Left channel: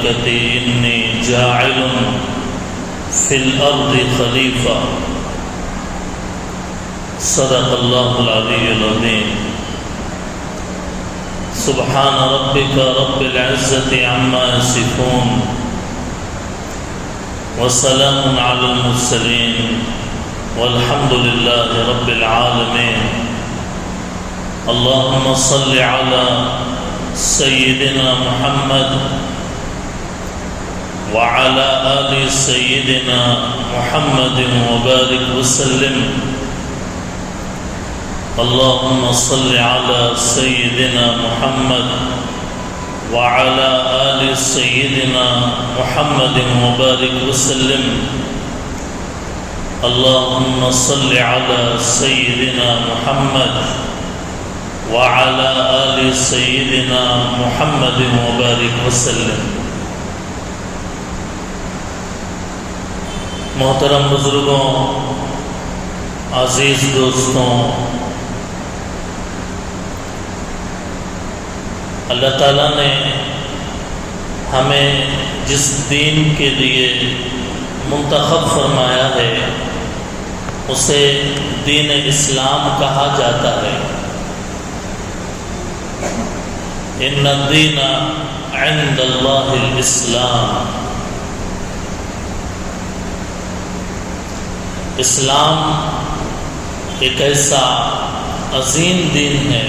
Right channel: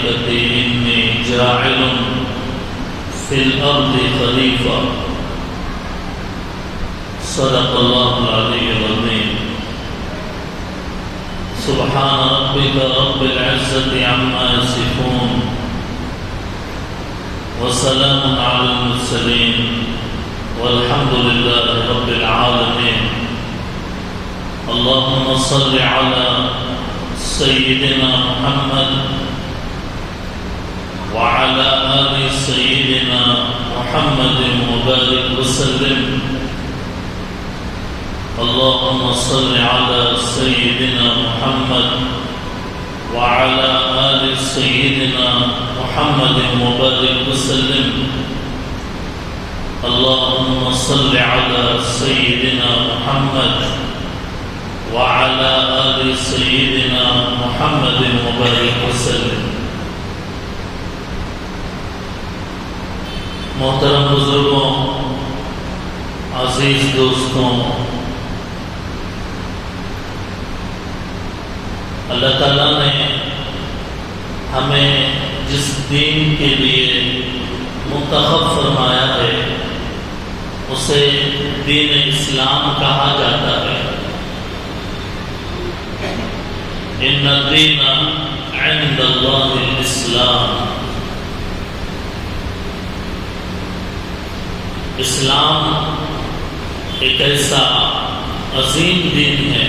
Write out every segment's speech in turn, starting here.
الملائكة إني جاعل في الأرض خليفة صدق الله العلي العظيم سبحان ربك رب العزة عما يصفون وسلام على المرسلين والحمد لله رب العالمين اللهم صل على سيدنا محمد وعلى آل سيدنا محمد وبارك وسلم اللهم صل على سيدنا محمد وعلى آل سيدنا محمد وبارك وسلم اللهم صل على سيدنا محمد وعلى آل سيدنا محمد وبارك وسلم. محترم بزرگوں، عزیز دوستوں، اللہ تعالیٰ نے ہمیں جس دین کے لیے منتخب فرمایا ہے اسے دین اسلام کہا جاتا ہے. ان الدین عند اللہ الاسلام. اسلام ایک ایسا عظیم دین ہے،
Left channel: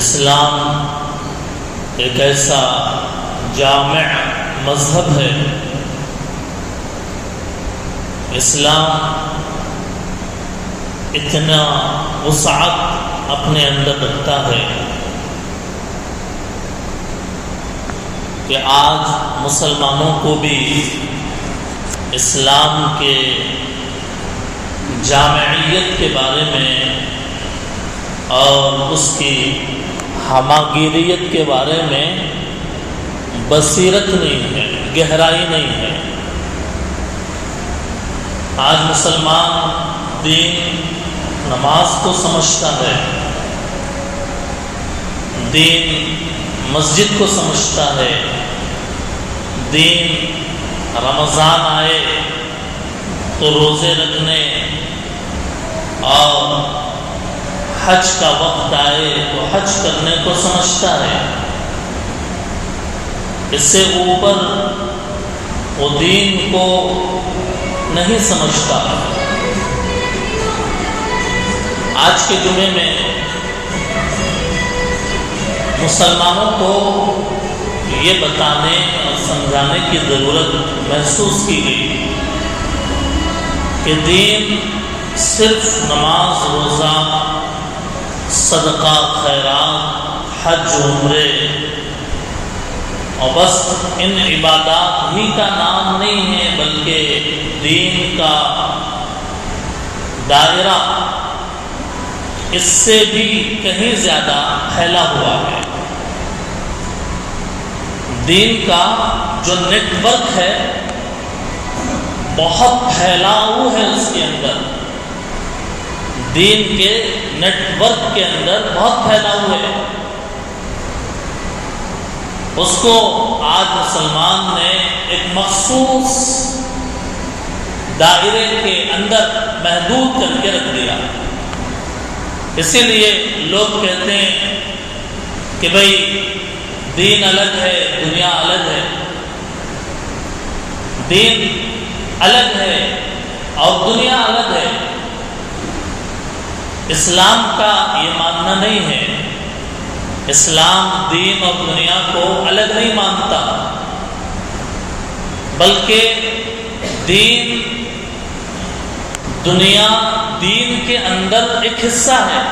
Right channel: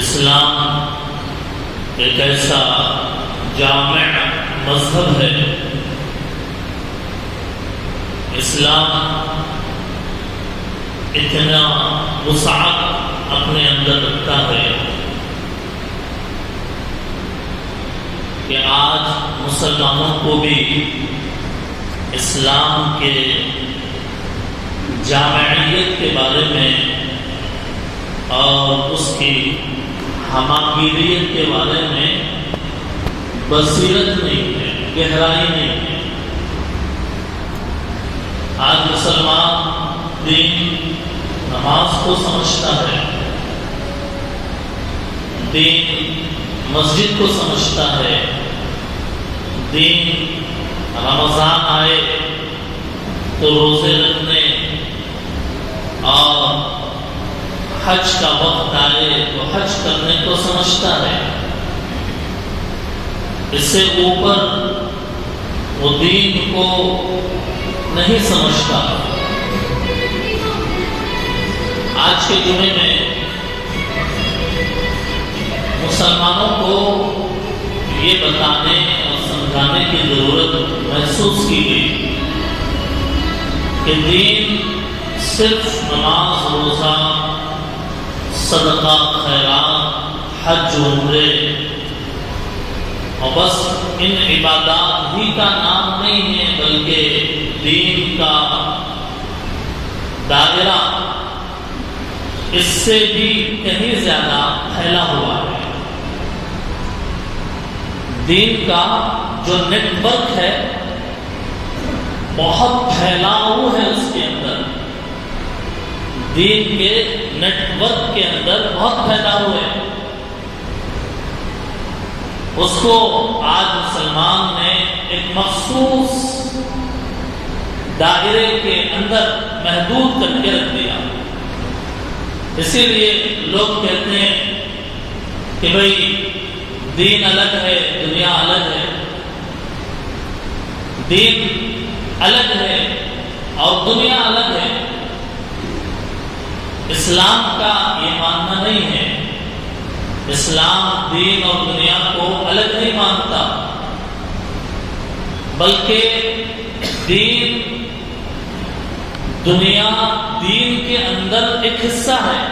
اسلام ایک ایسا جامع مذہب ہے، اسلام اتنا وسعت اپنے اندر رکھتا ہے کہ آج مسلمانوں کو بھی اسلام کے جامعیت کے بارے میں اور اس کی ہماگیریت کے بارے میں بصیرت نہیں ہے، گہرائی نہیں ہے. آج مسلمان دین نماز کو سمجھتا ہے، دین مسجد کو سمجھتا ہے، دین رمضان آئے تو روزے رکھنے اور حج کا وقت آئے تو حج کرنے کو سمجھتا ہے. اس سے اوپر وہ دین کو نہیں سمجھتا. آج کے جمعے میں مسلمانوں کو یہ بتانے اور سمجھانے کی ضرورت محسوس کی گئی کہ دین صرف نماز، روزہ، صدقہ، خیرات، حج، عمرے اور بس ان عبادات ہی کا نام نہیں ہے، بلکہ دین کا دائرہ اس سے بھی کہیں زیادہ پھیلا ہوا ہے. دین کا جو نیٹ ورک ہے بہت پھیلاؤ ہے، اس کے اندر دین کے نیٹ ورک کے اندر بہت پھیلاؤ ہے. اس کو آج مسلمان نے ایک مخصوص دائرے کے اندر محدود کر کے رکھ دیا. اسی لیے لوگ کہتے ہیں کہ بھئی دین الگ ہے، دنیا الگ ہے. دین الگ ہے اور دنیا الگ ہے. اسلام کا یہ ماننا نہیں ہے. اسلام دین اور دنیا کو الگ نہیں مانتا، بلکہ دین دنیا دین کے اندر ایک حصہ ہے.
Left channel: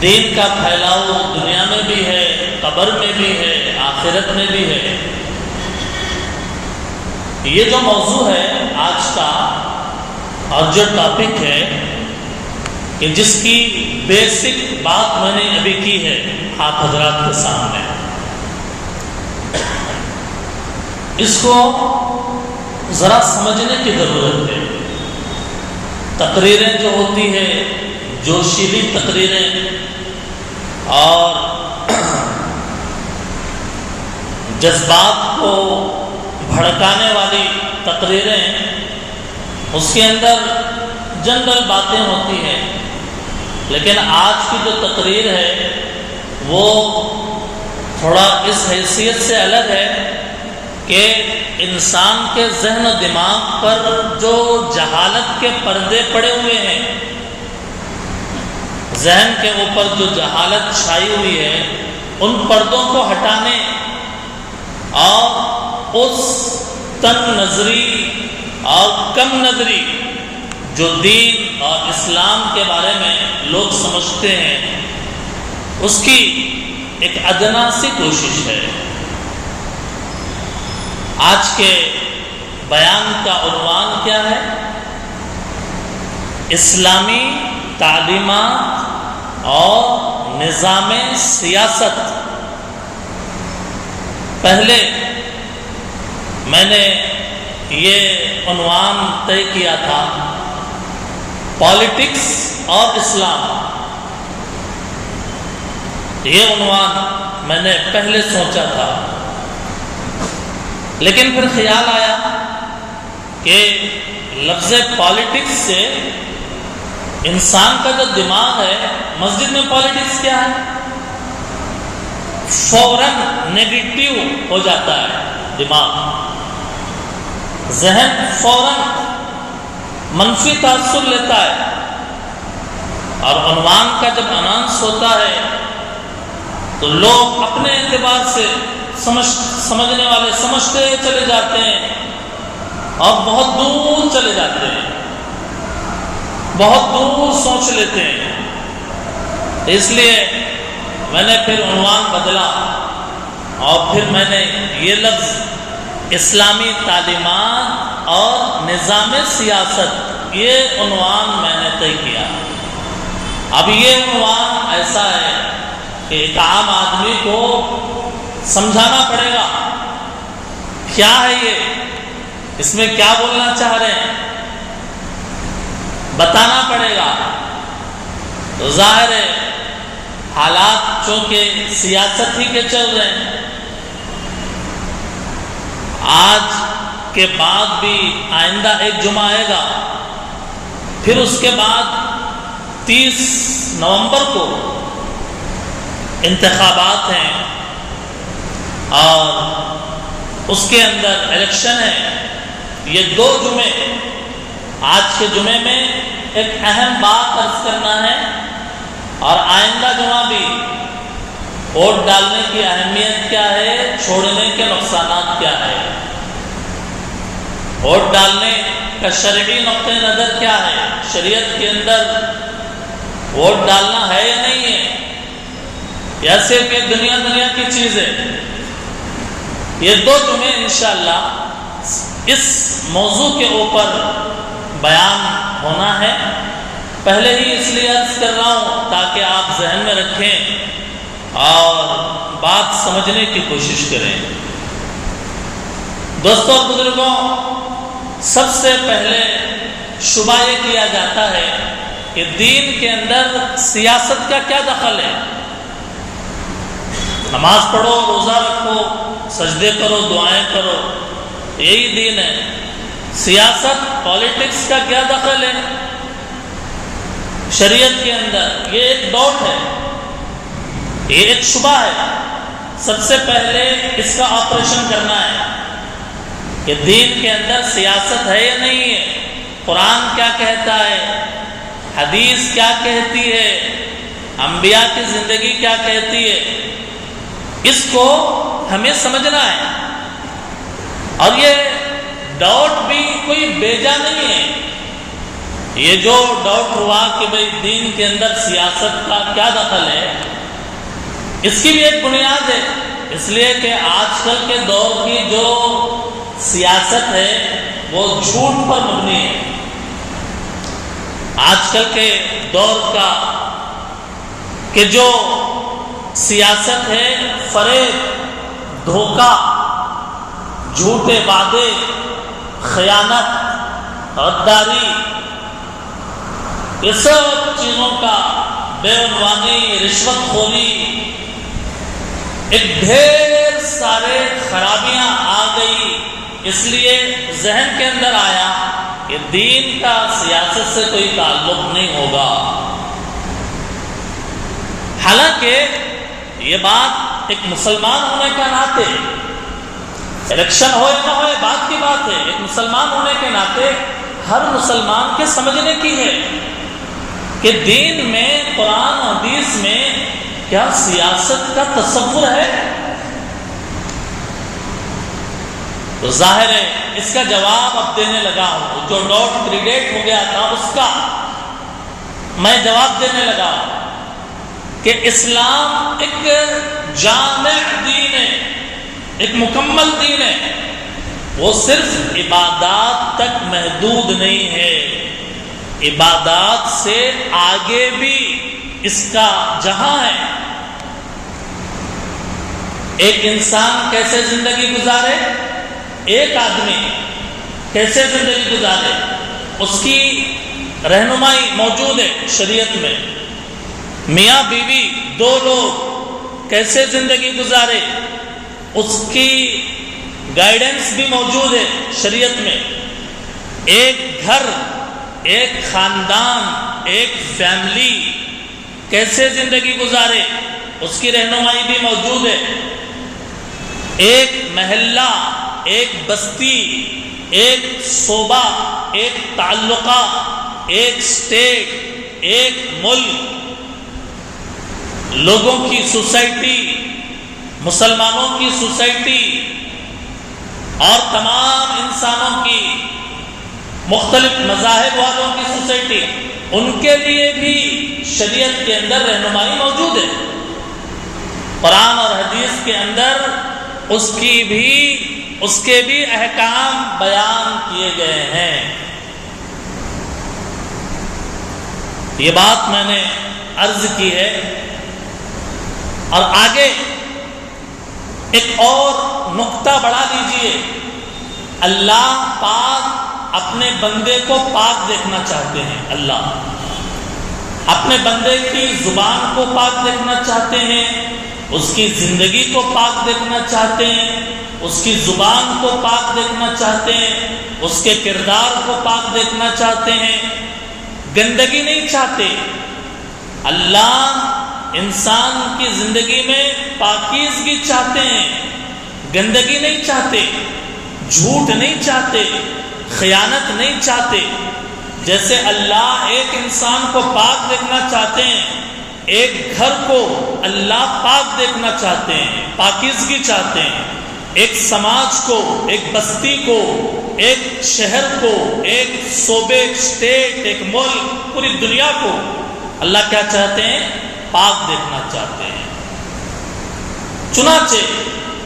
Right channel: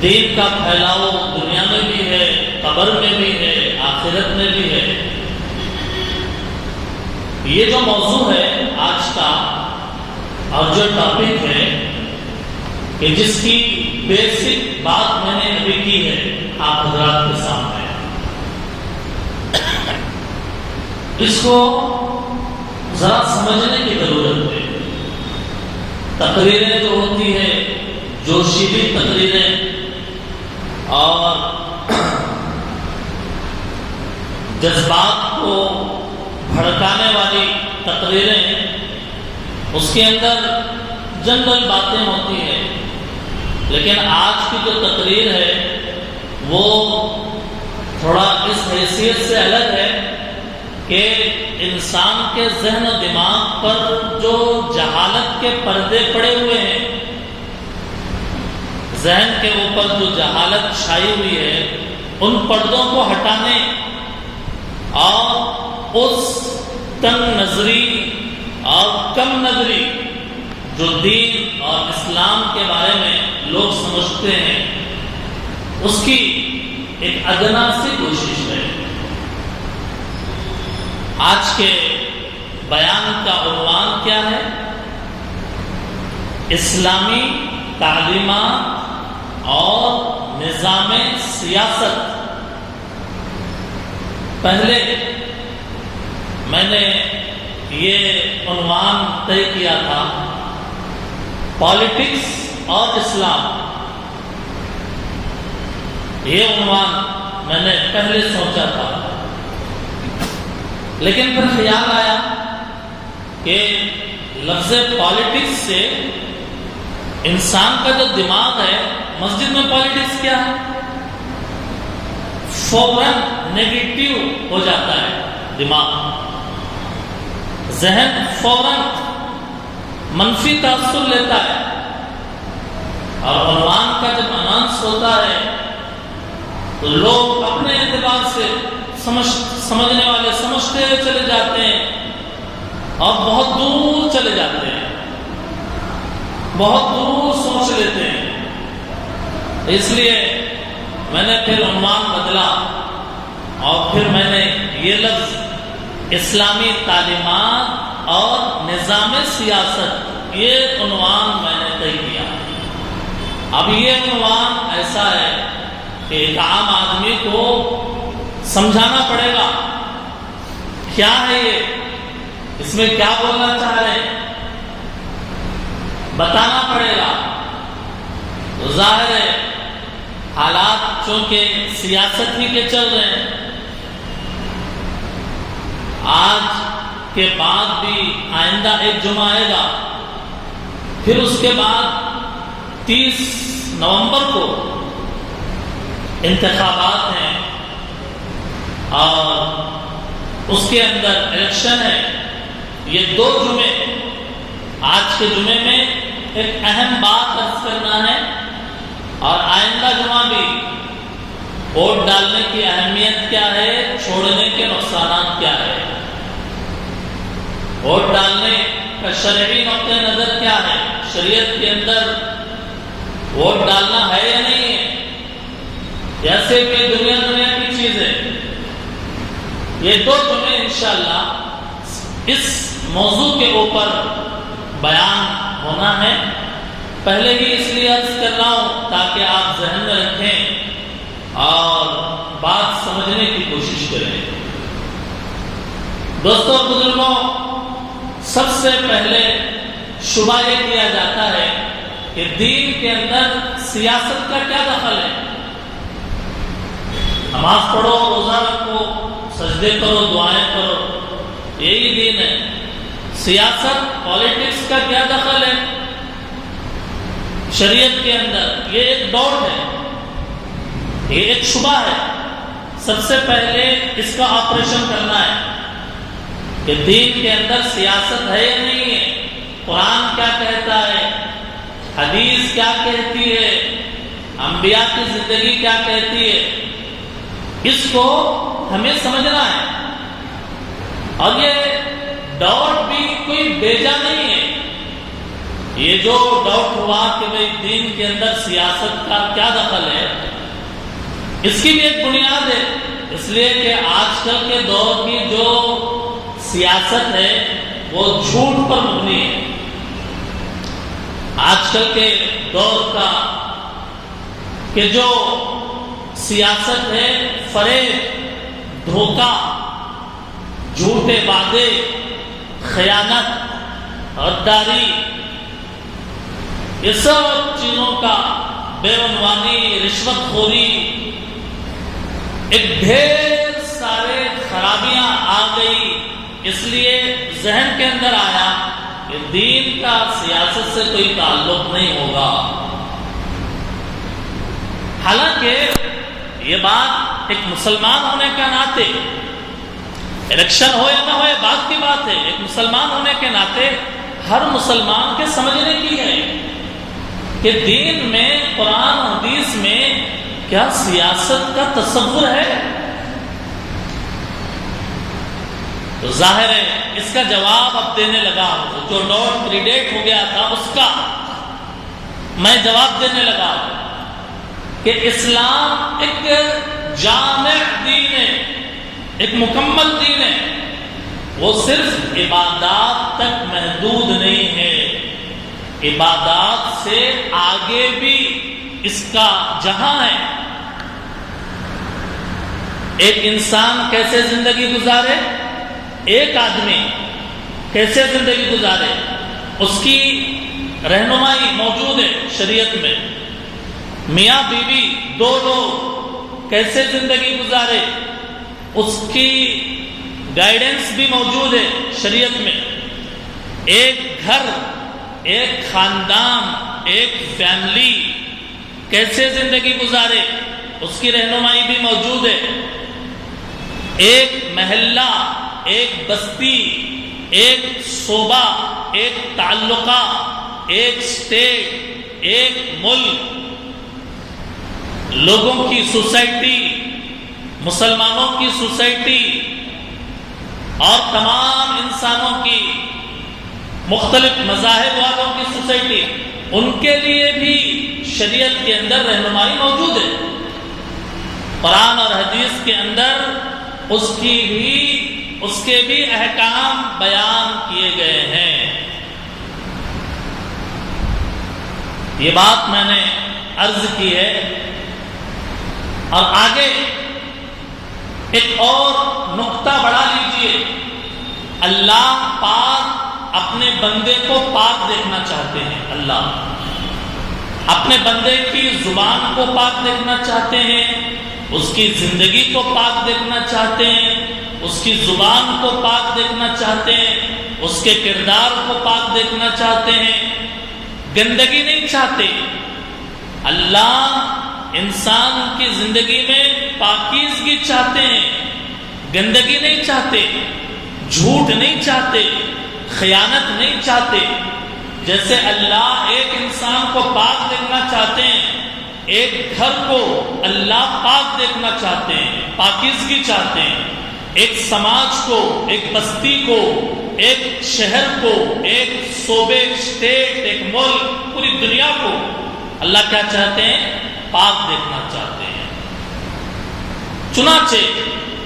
دین کا پھیلاؤ دنیا میں بھی ہے، قبر میں بھی ہے، آخرت میں بھی ہے. یہ جو موضوع ہے آج کا اور جو ٹاپک ہے کہ جس کی بیسک بات میں نے ابھی کی ہے آپ حضرات کے سامنے، اس کو ذرا سمجھنے کی ضرورت ہے. تقریریں جو ہوتی ہے، جوشیلی تقریریں اور جذبات کو بھڑکانے والی تقریریں، اس کے اندر جنرل باتیں ہوتی ہیں، لیکن آج کی جو تقریر ہے وہ تھوڑا اس حیثیت سے الگ ہے کہ انسان کے ذہن و دماغ پر جو جہالت کے پردے پڑے ہوئے ہیں، ذہن کے اوپر جو جہالت چھائی ہوئی ہے، ان پردوں کو ہٹانے اور اس تنگ نظری اور کم نظری جو دین اور اسلام کے بارے میں لوگ سمجھتے ہیں، اس کی ایک ادنا سی کوشش ہے۔ آج کے بیان کا عنوان کیا ہے؟ اسلامی تعلیمات اور نظام سیاست۔ پہلے میں نے یہ عنوان طے کیا تھا، پالیٹکس اور اسلام۔ یہ عنوان میں نے پہلے سوچا تھا، لیکن پھر خیال آیا کہ لفظ پالیٹکس سے انسان کا جو دماغ ہے، مسجد میں پالیٹکس کیا ہے، فوراً نیگیٹو ہو جاتا ہے دماغ، ذہن فوراً منفی تاثر لیتا ہے، اور عنوان کا جب اناؤنس ہوتا ہے تو لوگ اپنے اعتبار سے سمجھنے والے سمجھتے چلے جاتے ہیں اور بہت دور چلے جاتے ہیں، بہت دور سوچ لیتے ہیں۔ اس لیے میں نے پھر عنوان بدلا اور پھر میں نے یہ لفظ اسلامی تعلیمات اور نظام سیاست، یہ عنوان میں نے طے کیا۔ اب یہ عنوان ایسا ہے کہ ایک عام آدمی کو سمجھانا پڑے گا کیا ہے یہ، اس میں کیا بولنا چاہ رہے ہیں، بتانا پڑے گا۔ تو ظاہر ہے حالات چونکہ سیاست ہی کے چل رہے ہیں، آج کے بعد بھی آئندہ ایک جمعہ آئے گا، پھر اس کے بعد 30 نومبر کو انتخابات ہیں اور اس کے اندر الیکشن ہے۔ یہ 2 جمعے، آج کے جمعے میں ایک اہم بات عرض کرنا ہے، اور آئندہ جمعہ بھی ووٹ ڈالنے کی اہمیت کیا ہے، چھوڑنے کے نقصانات کیا ہے، ووٹ ڈالنے کا شرعی نقطہ نظر کیا ہے، شریعت کے اندر ووٹ ڈالنا ہے یا نہیں ہے، ایسے کہ دنیا کی چیز ہے۔ یہ 2 جمعے انشاءاللہ اس موضوع کے اوپر بیان ہونا ہے۔ پہلے ہی اس لیے عرض کر رہا ہوں تاکہ آپ ذہن میں رکھیں اور بات سمجھنے کی کوشش کریں۔ دوستوں اور بزرگوں، سب سے پہلے شبہ یہ کیا جاتا ہے کہ دین کے اندر سیاست کا کیا دخل ہے؟ نماز پڑھو، روزہ رکھو، سجدے کرو، دعائیں کرو، یہی دین ہے۔ سیاست، پالیٹکس کا کیا دخل ہے شریعت کے اندر؟ یہ ایک ڈاؤٹ ہے، یہ ایک شبہ ہے۔ سب سے پہلے اس کا آپریشن کرنا ہے کہ دین کے اندر سیاست ہے یا نہیں ہے، قرآن کیا کہتا ہے، حدیث کیا کہتی ہے، انبیاء کی زندگی کیا کہتی ہے، اس کو ہمیں سمجھنا ہے۔ اور یہ ڈاؤٹ بھی کوئی بیجا نہیں ہے۔ یہ جو ڈاؤٹ ہوا کہ بھئی دین کے اندر سیاست کا کیا دخل ہے، اس کی بھی ایک بنیاد ہے، اس لیے کہ آج کل کے دور کی جو سیاست ہے وہ جھوٹ پر مبنی ہے۔ آج کل کے دور کا کہ جو سیاست ہے، فریب، دھوکہ، جھوٹے وعدے، خیانت، غداری، یہ سب چیزوں کا، بے عنوانی، رشوت خوری، ایک ڈھیر سارے خرابیاں آ گئی، اس لیے ذہن کے اندر آیا کہ دین کا سیاست سے کوئی تعلق نہیں ہوگا۔ حالانکہ یہ بات ایک مسلمان ہونے کا ناطے، الیکشن ہو یا نہ ہو یہ بات کی بات ہے، ایک مسلمان ہونے کے ناطے ہر مسلمان کے سمجھنے کی ہے کہ دین میں، قرآن و حدیث میں کیا سیاست کا تصور ہے؟ تو ظاہر ہے اس کا جواب اب دینے لگا ہوں، جو ڈاؤٹ پریڈیٹ ہو گیا تھا اس کا میں جواب دینے لگا ہوں کہ اسلام ایک جامع دین ہے، ایک مکمل دین ہے، وہ صرف عبادات تک محدود نہیں ہے، عبادات سے آگے بھی اس کا جہاں ہے۔ ایک انسان کیسے زندگی گزارے، ایک آدمی کیسے زندگی گزارے، اس کی رہنمائی موجود ہے شریعت میں۔ میاں بیوی دو لوگ کیسے زندگی گزارے، اس کی گائیڈنس بھی موجود ہے شریعت میں۔ ایک گھر، ایک خاندان، ایک فیملی کیسے زندگی گزارے، اس کی رہنمائی بھی موجود ہے۔ ایک محلہ، ایک بستی، ایک صوبہ، ایک تعلقہ، ایک اسٹیٹ، ایک ملک، لوگوں کی سوسائٹی، مسلمانوں کی سوسائٹی اور تمام انسانوں کی، مختلف مذاہب والوں کی سوسائٹی، ان کے لیے بھی شریعت کے اندر رہنمائی موجود ہے۔ قرآن اور حدیث کے اندر اس کے بھی احکام بیان کیے گئے ہیں۔ یہ بات میں نے عرض کی ہے، اور آگے ایک اور نقطہ بڑھا لیجئے۔ اللہ پاک اپنے بندے کو پاک دیکھنا چاہتے ہیں، اللہ اپنے بندے کی زبان کو پاک دیکھنا چاہتے ہیں، اس کی زندگی کو پاک دیکھنا چاہتے ہیں، اس کی زبان کو پاک دیکھنا چاہتے ہیں، اس کے کردار کو پاک دیکھنا چاہتے ہیں، گندگی نہیں چاہتے۔ اللہ انسان کی زندگی میں پاکیزگی چاہتے ہیں، گندگی نہیں چاہتے، جھوٹ نہیں چاہتے، خیانت نہیں چاہتے۔ جیسے اللہ ایک انسان کو پاک دیکھنا چاہتے ہیں، ایک گھر کو اللہ پاک دیکھنا چاہتے ہیں، پاکیزگی چاہتے ہیں، ایک سماج کو، ایک بستی کو، ایک شہر کو، ایک صوبے، اسٹیٹ، ایک ملک، پوری دنیا کو اللہ کیا چاہتے ہیں؟ پاک دیکھنا چاہتے ہیں۔ چنانچہ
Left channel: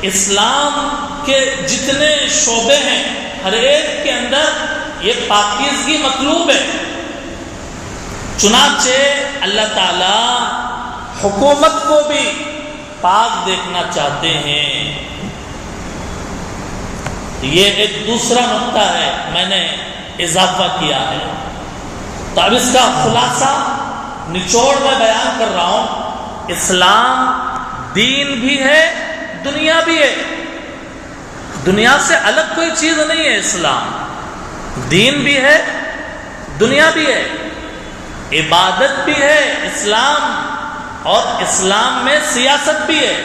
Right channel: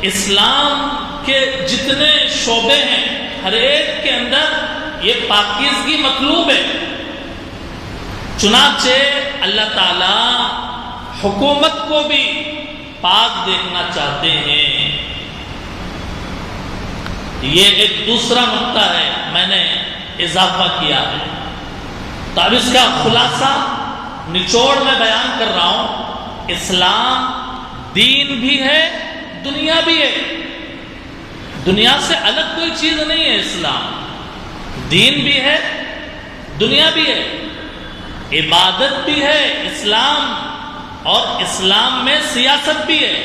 اسلام کے جتنے شعبے ہیں ہر ایک کے اندر یہ پاکیزگی مطلوب ہے۔ چنانچہ اللہ تعالی حکومت کو بھی پاک دیکھنا چاہتے ہیں۔ یہ ایک دوسرا نقطہ ہے، میں نے اضافہ کیا ہے۔ تو اب اس کا خلاصہ نچوڑ میں بیان کر رہا ہوں۔ اسلام دین بھی ہے، دنیا بھی ہے، دنیا سے الگ کوئی چیز نہیں ہے۔ اسلام دین بھی ہے، دنیا بھی ہے، عبادت بھی ہے اسلام، اور اسلام میں سیاست بھی ہے۔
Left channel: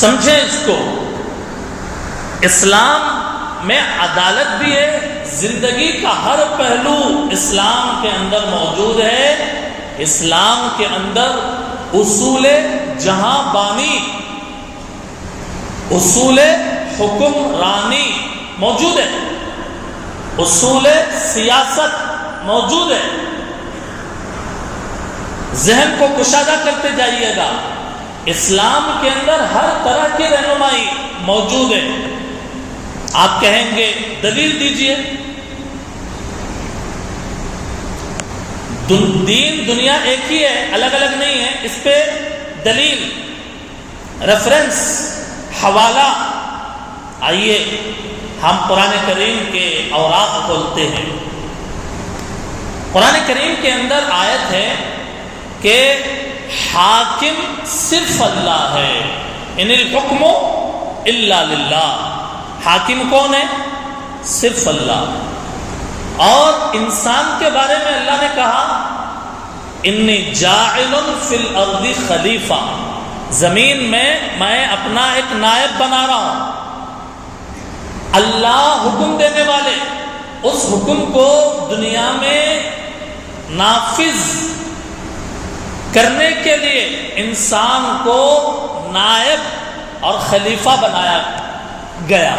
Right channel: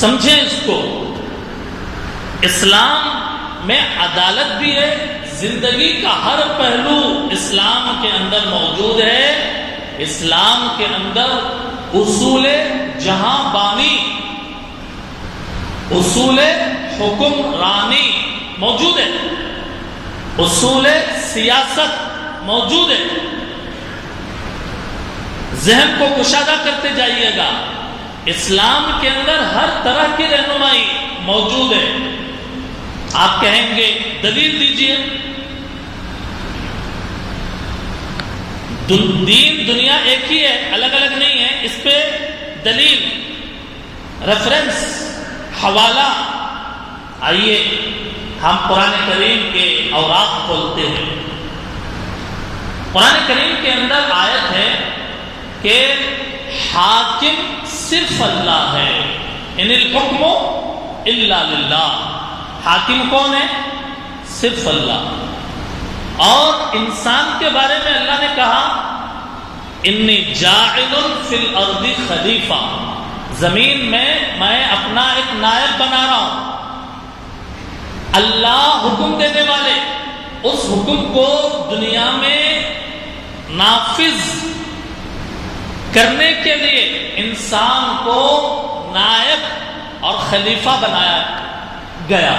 سمجھیں اس کو، اسلام میں عدالت بھی ہے، زندگی کا ہر پہلو اسلام کے اندر موجود ہے۔ اسلام کے اندر اصول جہاں بانی، اصول حکمرانی موجود ہے، اصول سیاست موجود ہے۔ ذہن کو کشادہ کرتے جائیے گا، اسلام کے اندر ہر طرح کی رہنمائی موجود ہے۔ آپ کہیں گے دلیل دیجئے۔ دین دنیا ایک ہی ہے، الگ الگ نہیں ہے۔ اس پہ دلیل، ریفرنس، حوالہ۔ آئیے ہم قرآن کریم کے اوراق کھولتے ہیں۔ قرآن کریم کے اندر آیت ہے کہ حاکم صرف اللہ ہے، ان الحکم الا للہ. حاکم کون ہے؟ صرف اللہ. اور انسان کے بارے میں اللہ نے کہا انی جاعل فی الارض خلیفہ، زمین میں اپنا ایک نائب بنا رہا ہوں. اللہ حکم دینے والے، اس حکم کو دنیا میں نافذ کرنے کے لیے انسان کو نائب اور خلیفہ بنایا گیا.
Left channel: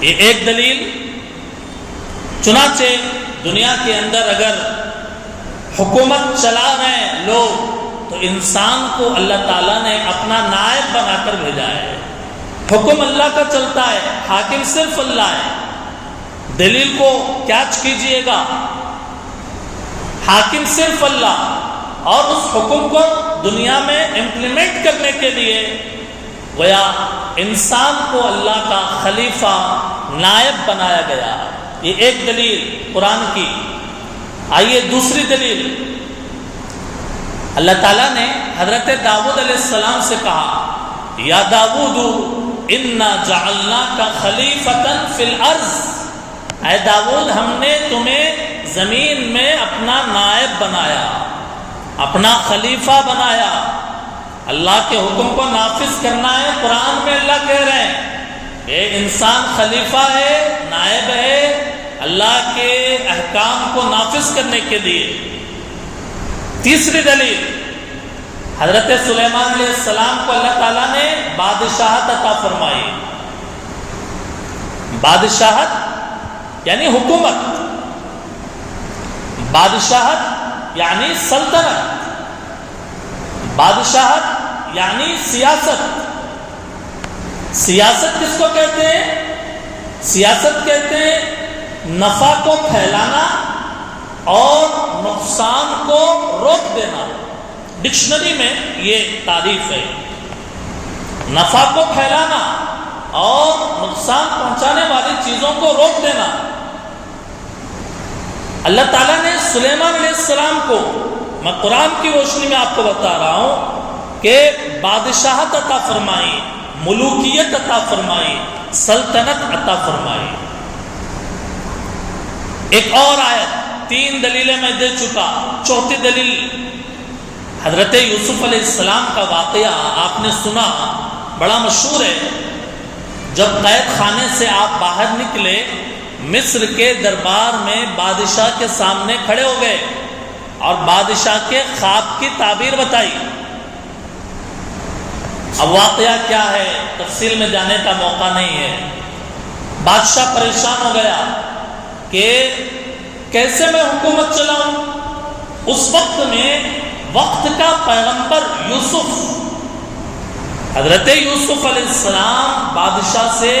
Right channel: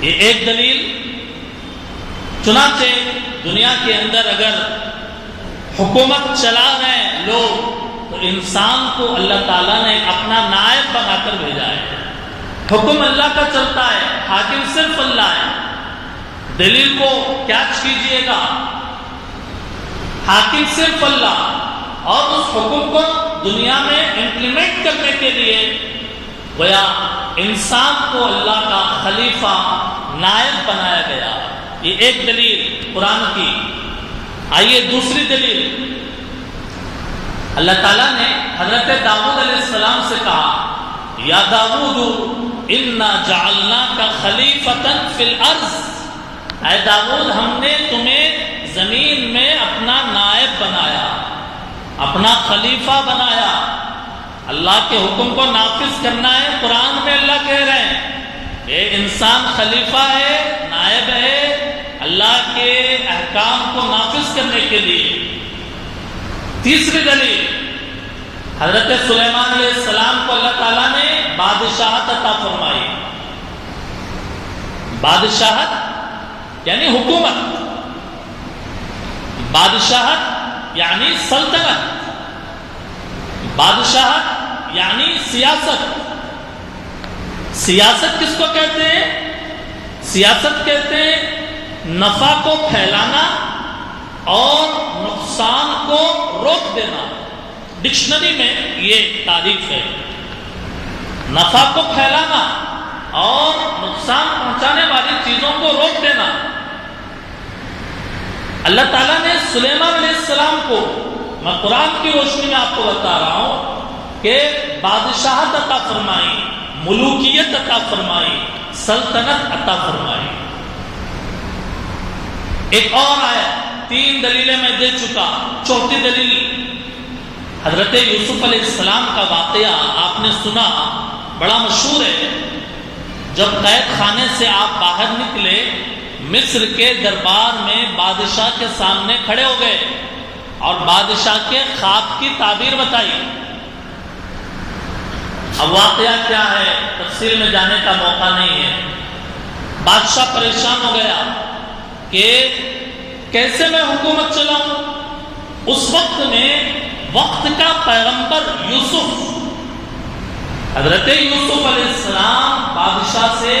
یہ ایک دلیل. چنانچہ دنیا کے اندر اگر حکومت چلا رہے ہیں لوگ تو انسان کو اللہ تعالیٰ نے اپنا نائب بنا کر بھیجا ہے. حکم اللہ کا چلتا ہے، حاکم صرف اللہ ہے. دلیل کو کیچ کیجئے گا، حاکم صرف اللہ، اور اس حکم کو دنیا میں امپلیمنٹ کرنے کے لیے گویا انسان کو اللہ کا خلیفہ نائب بنایا گیا. یہ ایک دلیل قرآن کی. آئیے دوسری دلیل. اللہ تعالیٰ نے حضرت داؤد علیہ السلام سے کہا یا داؤد انا جعلناک خلیفۃ فی الارض، اے داؤد ہم نے تمہیں زمین میں اپنا نائب بنایا، اپنا خلیفہ بنایا. اللہ کے حکم کو نافذ کرنا ہے. قرآن میں اللہ کہہ رہے ہیں کہ انسان خلیفہ ہے، نائب ہے اللہ کے احکام کو نافذ کرنے کے لیے. تیسری دلیل، حضرت سلیمان علیہ السلام کو اللہ تعالیٰ نے بادشاہت عطا فرمائی. بادشاہت یعنی حکومت، بادشاہت یعنی سلطنت، بادشاہت یعنی سیاست. سیاست کس کو کہتے ہیں؟ سیاست کہتے ہیں نفع کو پھیلانا اور نقصان کو روک دینا. ڈکشنری میں یہ تعریف ہے، نفع کو پھیلانا اور نقصان پہنچانے والی چیزوں کو روک دینا. اللہ تعالیٰ نے سلیمان علیہ السلام کو، میں قرآن کی روشنی میں آپ کو بتا رہا ہوں کہ بادشاہت عطا فرمائی، ملوکیت عطا فرمائی، سلطنت عطا فرمائی. ایک اور آیت، تین دلیلیں میں دے چکا. چوتھی دلیل حضرت یوسف علیہ السلام کا واقعہ آپ نے سنا، بڑا مشہور ہے. جب قید خانے سے آپ باہر نکلے، مصر کے دربار میں بادشاہ کے سامنے کھڑے ہو گئے اور بادشاہ کے خواب کی تعبیر بتائی. اب واقعہ کیا ہے تفصیل میں جانے کا موقع نہیں ہے. بادشاہ پریشان ہو گیا کہ کیسے میں حکومت چلاؤں. اس وقت میں وقت کا پیغمبر یوسف، حضرت یوسف علیہ السلام بادشاہ سے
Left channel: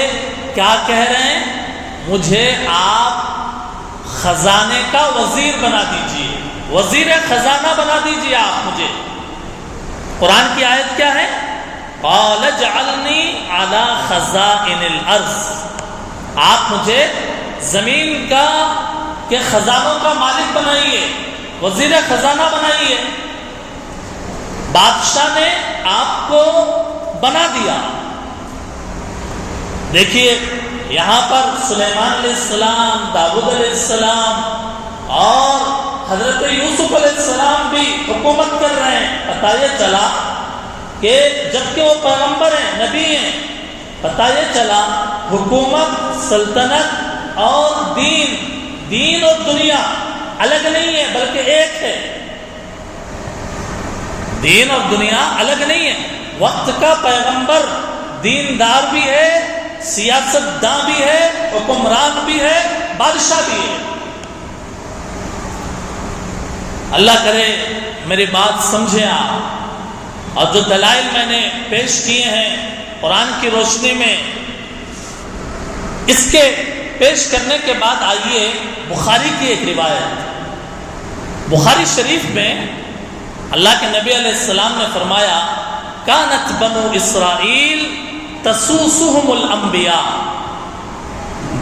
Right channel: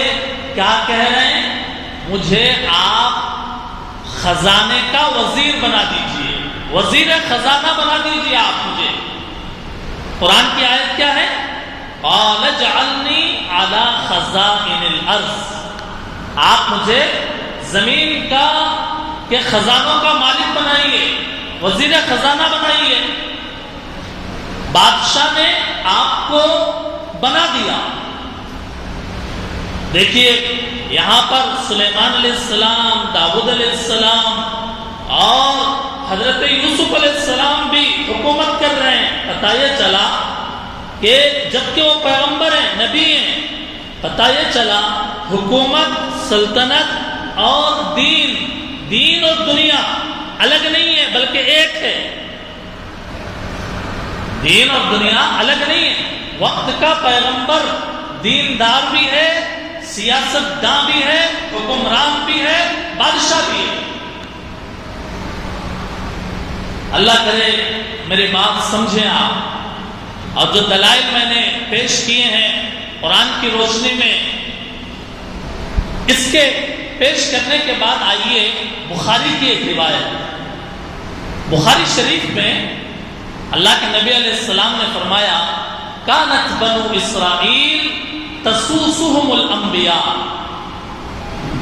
کیا کہہ رہے ہیں؟ مجھے آپ خزانے کا وزیر بنا دیجئے، وزیر خزانہ بنا دیجئے آپ مجھے. قرآن کی آیت کیا ہے؟ قال اجعلنی علی خزائن الارض، آپ مجھے زمین کا کے خزانوں کا مالک بنائیے، وزیر خزانہ بنائیے. بادشاہ نے آپ کو بنا دیا. دیکھیے یہاں پر سلیمان علیہ السلام، داؤد علیہ السلام اور حضرت یوسف علیہ السلام بھی حکومت کر رہے ہیں. پتہ یہ چلا کہ جبکہ وہ پیغمبر ہیں، نبی ہیں، پتہ یہ چلا حکومت، سلطنت اور دین اور دنیا الگ نہیں ہے بلکہ ایک ہے. دین اور دنیا الگ نہیں ہے. وقت کا پیغمبر دیندار بھی ہے، سیاست داں بھی ہے، حکمران بھی ہے، بادشاہ بھی ہے. اللہ کرے میری بات سمجھیں آپ. اور جو دلائل میں نے پیش کیے ہیں قرآن کی روشنی میں، اس کے پیش کرنے کے بعد آئیے بخاری کی ایک روایت. بخاری شریف میں اللہ کے نبی علیہ السلام نے فرمایا کانت بنو اسرائیل تسوسهم الانبیاء،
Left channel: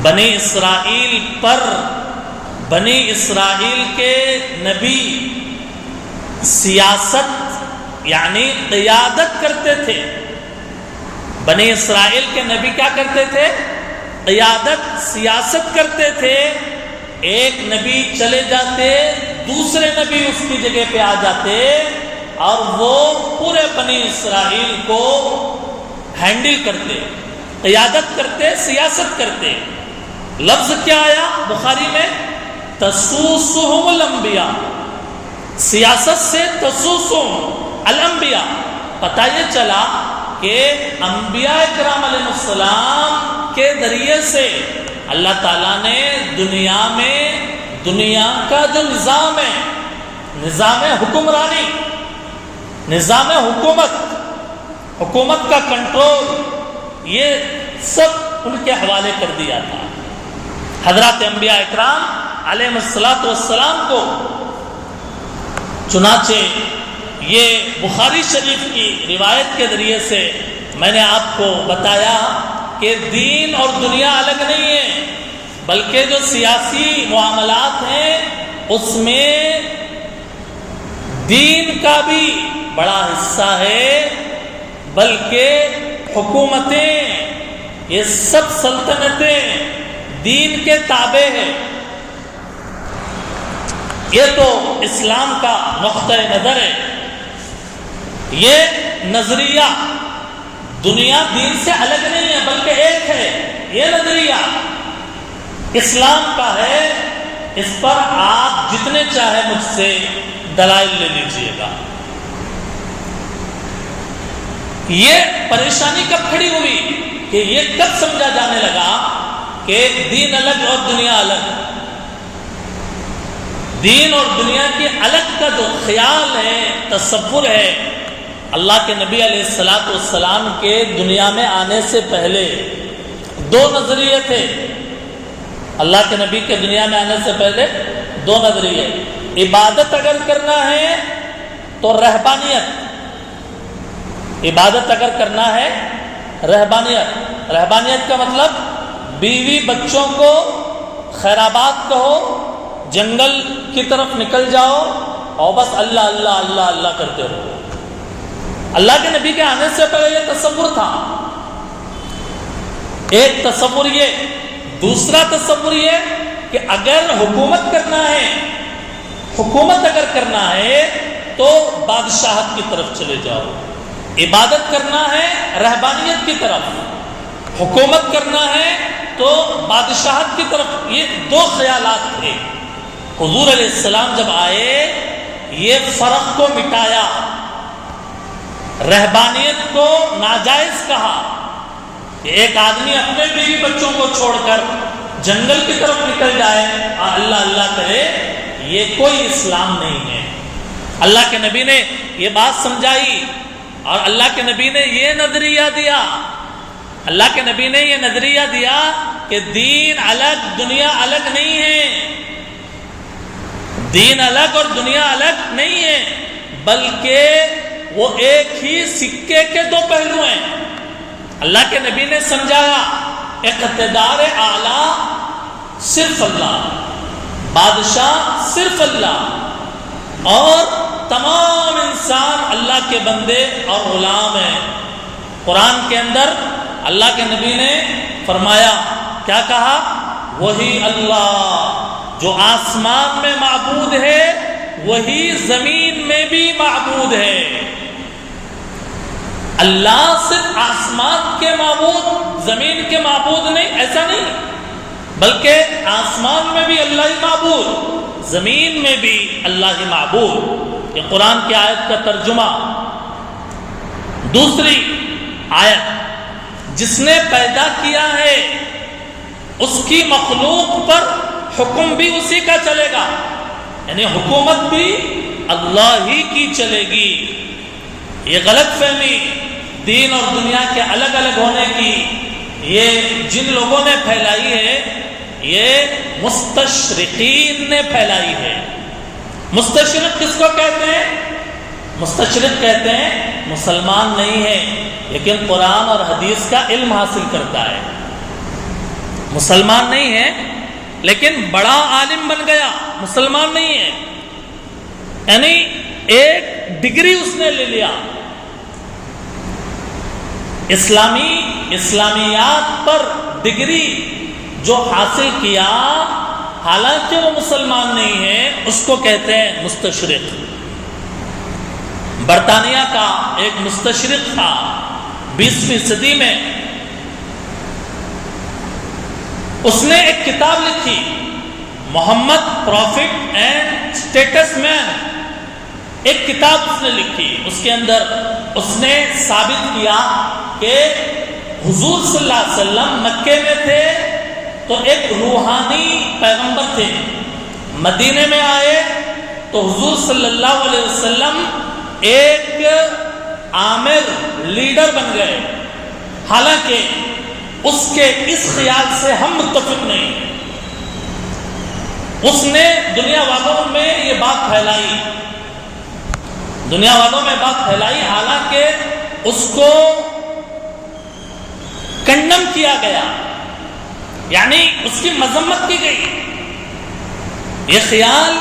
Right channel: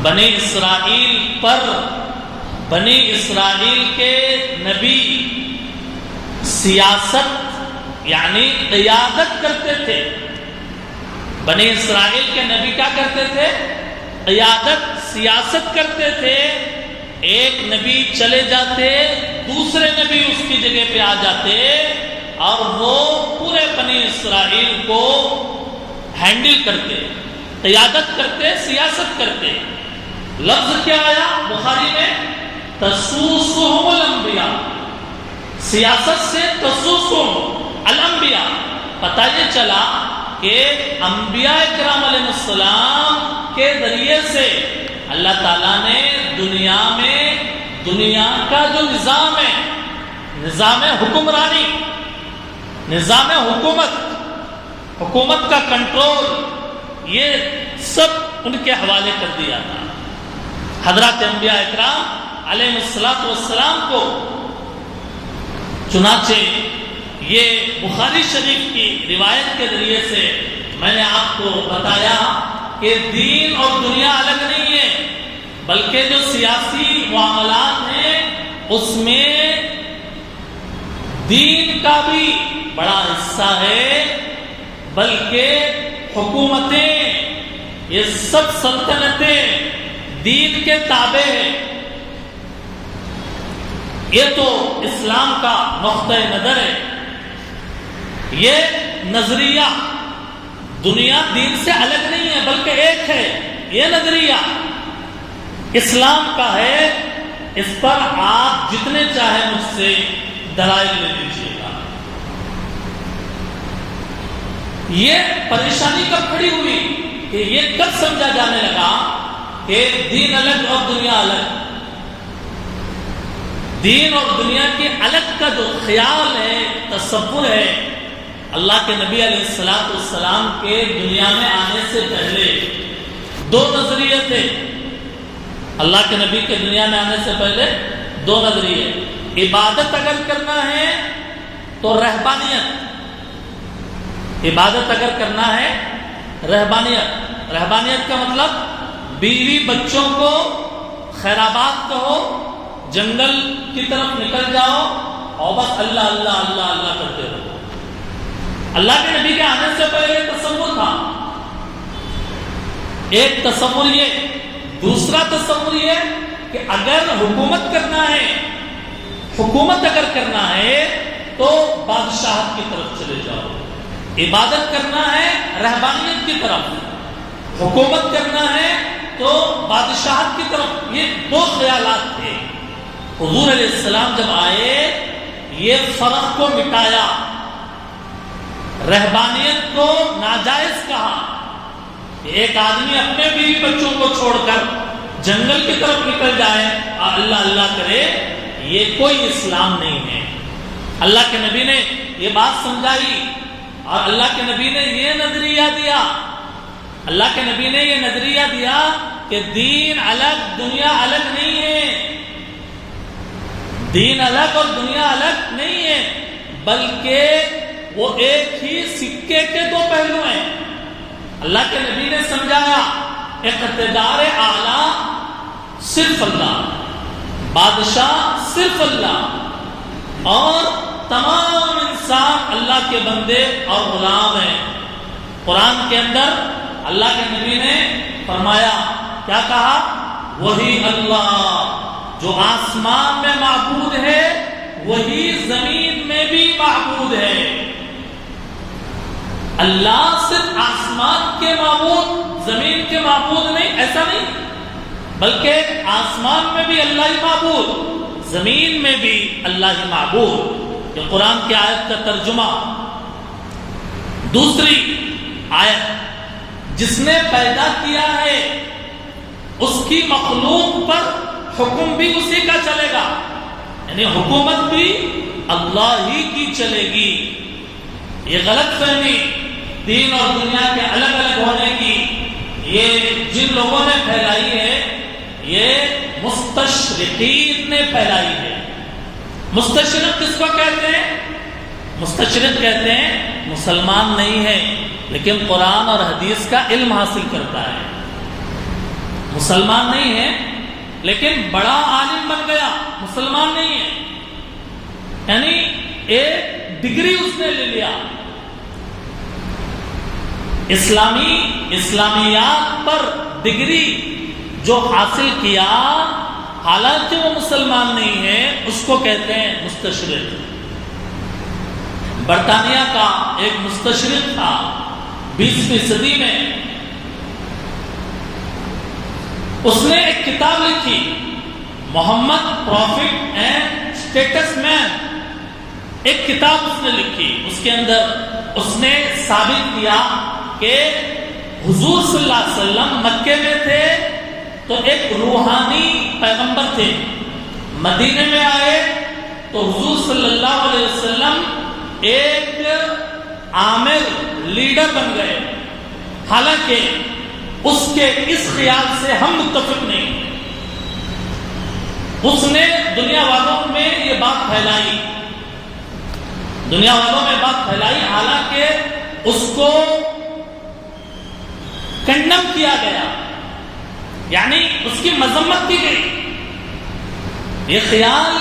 بنی اسرائیل پر بنی اسرائیل کے نبی سیاست یعنی قیادت کرتے تھے. بنی اسرائیل کے نبی کیا کرتے تھے؟ قیادت، سیاست کرتے تھے. ایک نبی چلے جاتے، دوسرے نبی اس کی جگہ پہ آ جاتے اور وہ پورے بنی اسرائیل کو ہینڈل کرتے، قیادت کرتے، سیاست کرتے. لفظ کیا آیا بخاری میں؟ تسوسهم الانبیاء. سیاست سے تسوسهم الانبیاء. پتہ یہ چلا کہ انبیاء اکرام علیہ السلام کے ذریعے سے اللہ تعالیٰ نے دنیا میں دنیا کا جو نظام ہے، نظام حکمرانی، نظام حکومت کا کنٹرول، یہ سب ان کے حوالے کر دیا تھا. حضرات انبیاء اکرام علیہ السلام کو. چنانچہ یہ بخاری شریف کی روایت کے ذریعے سے میں نے آپ کو بتایا کہ دین اور دنیا الگ نہیں ہے، بلکہ جو سیاسی معاملات ہیں اس میں دین کا بھی بڑا حصہ ہے، بلکہ حکومتیں، یہ سب سلطنتیں دین کے تابع ہیں. یہ تو اسلام کا نقطہ نظر ہے. یہ نظریہ دنیا دین سے الگ نہیں ہے بلکہ ایک ہے. یہ نظریہ اسلام کا ہے. اس پر آپ جتنے چاہے مجھ سے دلائل لے لیجیے گا. یہ پریشانی کب کھڑی ہوئی کہ یہ کب سمجھا جانے لگا کہ دین الگ اور دنیا الگ؟ دین اور دنیا کے الگ کا جو خیال ہے، تصور ہے، اللہ کے نبی علیہ السلام کے دنیا میں آنے سے پہلے دو نظریے تھے. اللہ کے نبی کے دنیا میں آنے سے پہلے دو نظریے. عبادت اگر کرنا ہے تو رہبانیت. عبادت اگر کرنا ہے رہبانیت. رہبانیت کا مطلب بیوی بچوں کو خیرآباد کہو، جنگل کی طرف نکل جاؤ اور بس اللہ اللہ اللہ اللہ کرتے رہو. اللہ کے نبی کے آنے سے پہلے یہ تصور تھا. ایک تصور یہ. دوسرا تصور یہ کہ اگر حکومت اگر کرنا ہے تو بادشاہت کی طرف چلے جاؤ. عبادت کرنا ہے رہبانیت کی طرف، حکومت کرنا ہے تو بادشاہت کی طرف. یہ دو خیالات تھے. حضور علیہ السلام جب آئے یہ فرق کو مٹایا، رہبانیت کو ناجائز کہا کہ ایک آدمی اپنے بیوی بچوں کو چھوڑ کر جنگل کی طرف نکل جائے اللہ اللہ کرے، یہ کوئی اسلام نہیں ہے. اللہ کے نبی نے یہ بات سمجھائی اور اللہ کے نبی نے یہ نظریہ دیا. اللہ کے نبی نے یہ نظریہ دیا کہ دین الگ دنیا الگ نہیں ہے. دین الگ اور دنیا الگ نہیں ہے، بلکہ وہ ایک ہی سکے کے دو پہلو ہیں. اللہ کے نبی نے سمجھایا اقتدار اعلیٰ صرف اللہ، بادشاہ صرف اللہ، اور تمام انسان اللہ کے بندے اور غلام ہیں. قرآن کے اندر اللہ کے نبی نے فرمایا، کیا کہا؟ وہی اللہ جو آسمان میں معبود ہے وہی زمین میں بھی معبود ہے. اللہ صرف آسمان کے معبود زمین کے معبود نہیں، ایسا نہیں، بلکہ آسمان میں بھی اللہ ہی معبود، زمین میں بھی اللہ ہی معبود. یہ قرآن کی آیت کا ترجمہ. دوسری آیت، جس نے پیدا کیا ہے اس کی مخلوق پر حکم بھی اسی کا چلے گا، یعنی حکومت بھی اللہ ہی کی چلے گی. یہ غلط فہمی دین اور دنیا کے الگ الگ ہونے کی یہ جن لوگوں نے پھیلائی ہے، یہ مستشرقین نے پھیلائی ہے. مستشرق کس کو کہتے ہیں؟ مستشرق کہتے ہیں مسلمان نہیں ہے لیکن قرآن اور حدیث کا علم حاصل کرتا ہے. مسلمان نہیں ہے لیکن بڑا عالم بن گیا، مسلمان نہیں ہے، یعنی ایک ڈگری اس نے لے لیا. اسلامیات پر ڈگری جو حاصل کیا حالانکہ وہ مسلمان نہیں ہے، اس کو کہتے ہیں مستشرق۔ برطانیہ کا ایک مستشرق تھا 20ویں صدی میں، اس نے ایک کتاب لکھی، محمد پروفٹ اینڈ اسٹیٹس مین، ایک کتاب اس نے لکھی۔ اس کے اندر اس نے ثابت کیا کہ حضور صلی اللہ علیہ وسلم مکے میں تھے تو ایک روحانی پیغمبر تھے، مدینے میں آئے تو حضور صلی اللہ علیہ وسلم ایک عامر لیڈر بن گئے، حالانکہ اس کے اس خیال سے ہم متفق نہیں ہیں۔ اس نے دنیا والوں میں یہ بات پھیلائی، حالانکہ اس کو کنڈم کیا گیا، یعنی اس کی مذمت کی گئی۔ یہ خیال